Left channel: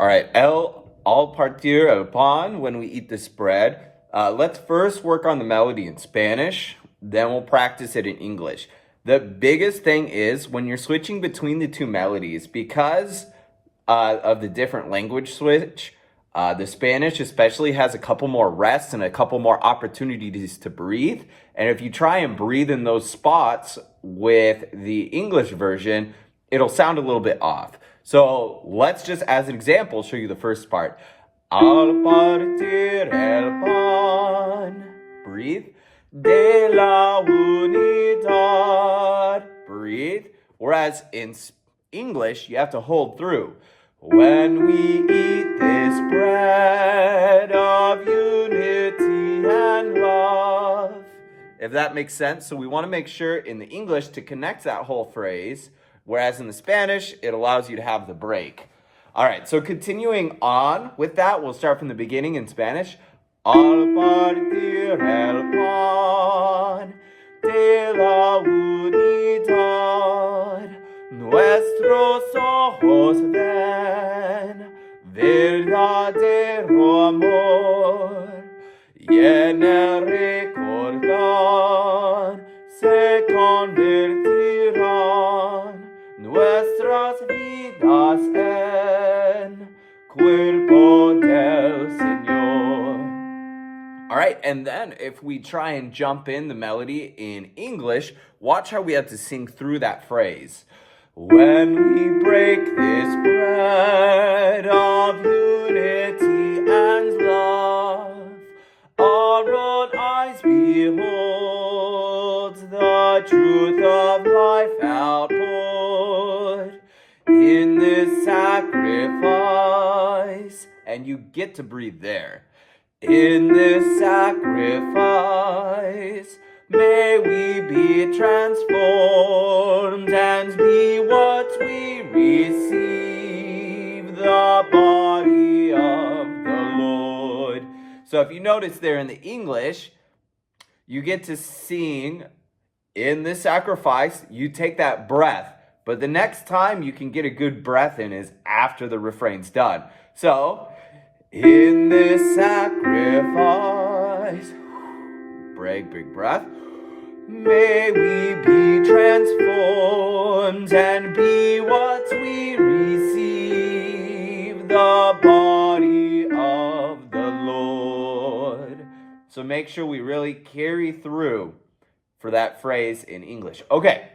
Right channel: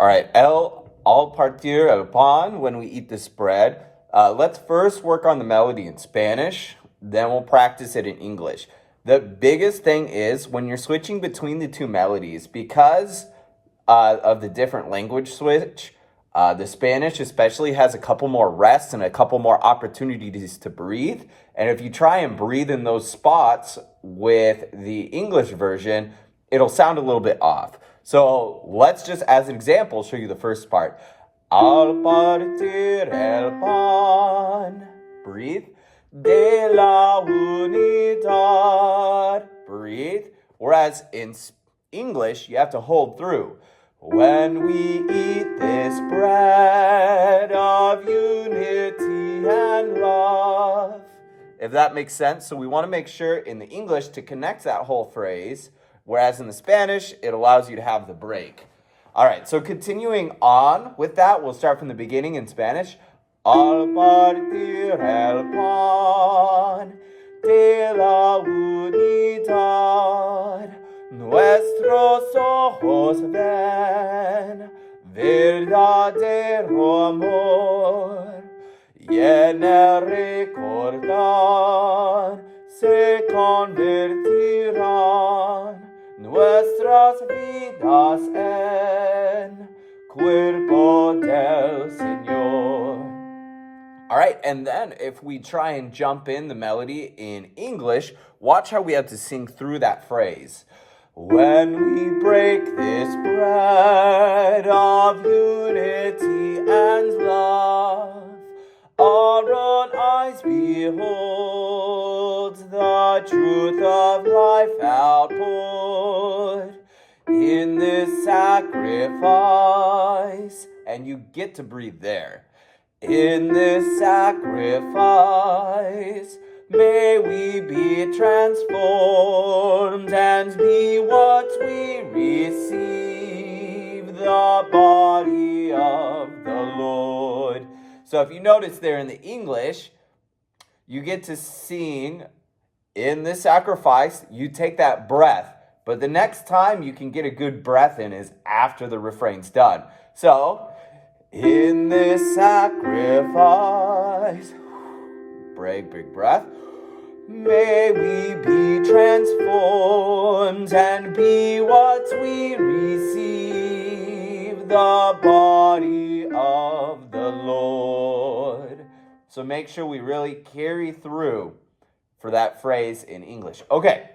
All right, al partir el pan, when we eat this bread. Let's first work on the melody in Spanish, then we'll practice it in English. The biggest thing is when you're switching between the two melodies, because of the different language switch, the Spanish especially has a couple more rests and a couple more opportunities to breathe. And if you try and breathe in those spots with the English version, it'll sound a little bit off. So let's just, as an example, show you the first part. Al partir el pan, breathe. De la unidad, breathe. Whereas in English, you have to hold through. When we eat this bread of unity and love. If that makes sense. So we want to make sure in the English to connect that whole phrase, whereas in the Spanish, it allows you to have the break. All right, so continuing on with that, we'll start from the beginning in Spanish. Al partir el pan de la unidad, nuestros ojos ven verdadero amor, y en el recordar se convertirán nuestras vidas en cuerpo del Señor. All right, and then if we try and jump in the melody in English, watch how we have to sing through that phrase. When we break this bread of unity and love, our own eyes behold the truth of life outpoured in this sacrifice. And you get to breathe there. In this sacrifice, may we be transformed and be what we receive, the body of the Lord. So if you notice there in the English, you get to sing in this sacrifice, you take that breath. But the next time you can get a good breath in is after the refrain's done. So, in this sacrifice, break, big breath. May we be transformed and be what we receive, the body of the Lord. So make sure we really carry through for that phrase in English. Okay.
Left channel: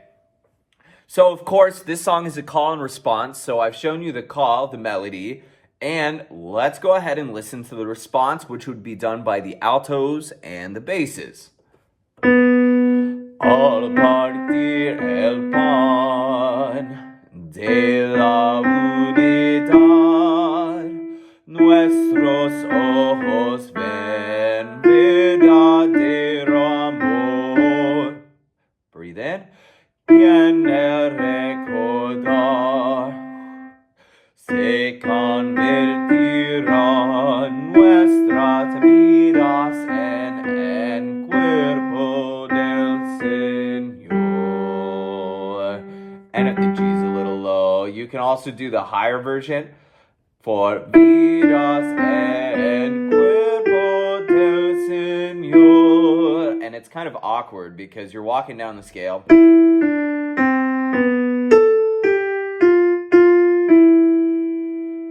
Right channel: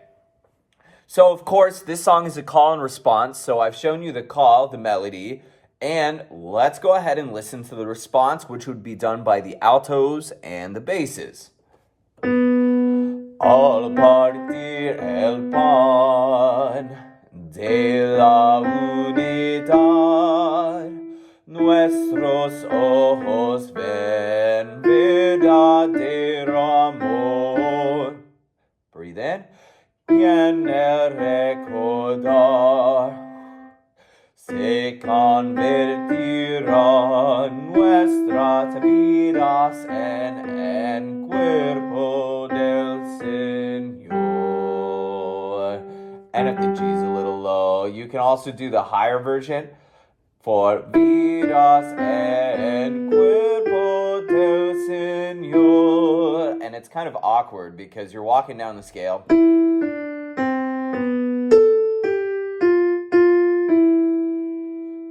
So, of course, this song is a call and response. So I've shown you the call, the melody. And let's go ahead and listen to the response, which would be done by the altos and the basses. Al partir el pan de la unidad, nuestros ojos ven verdadero amor. Breathe in. Y en el recordar se convertirán nuestras vidas en cuerpo del Señor. And if the G is a little low, you can also do the higher version. For vidas en cuerpo del Señor. And it's kind of awkward because you're walking down the scale.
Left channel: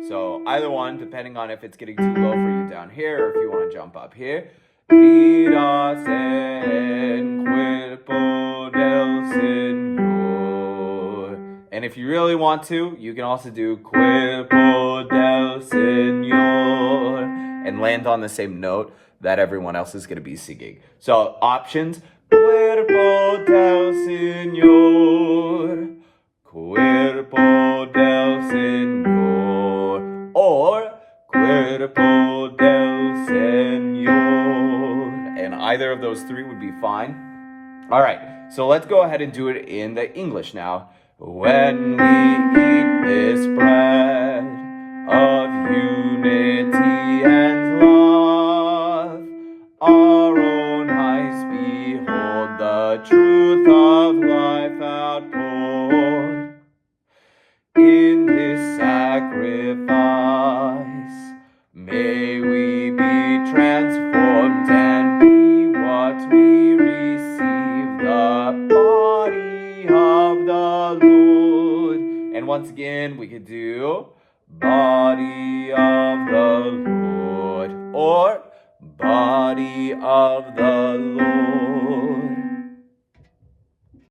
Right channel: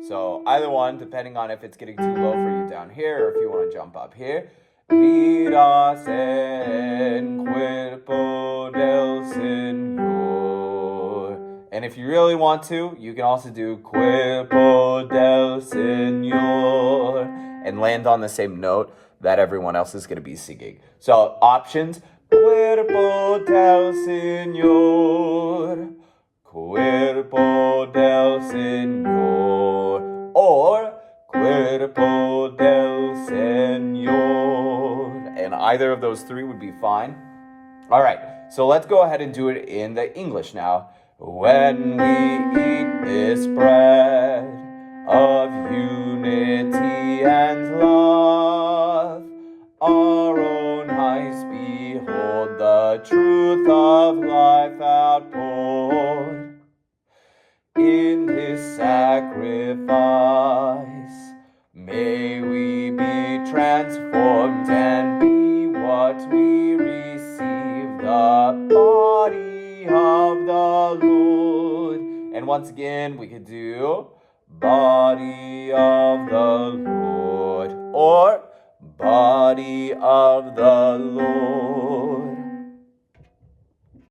So either one, depending on if it's getting too low for you down here or if you want to jump up here. Vidas en cuerpo del Señor. And if you really want to, you can also do cuerpo del Señor and land on the same note that everyone else is going to be singing. So options, cuerpo del Señor, cuerpo del Señor, or cuerpo del Señor. And either of those three would be fine. All right, so let's go ahead and do it in the English now. When we eat this bread of unity and love, our own eyes behold the truth of life outpoured in this sacrifice. May we be transformed and be what we receive, the body of the Lord. And once again, we could do body of the Lord or body of the Lord.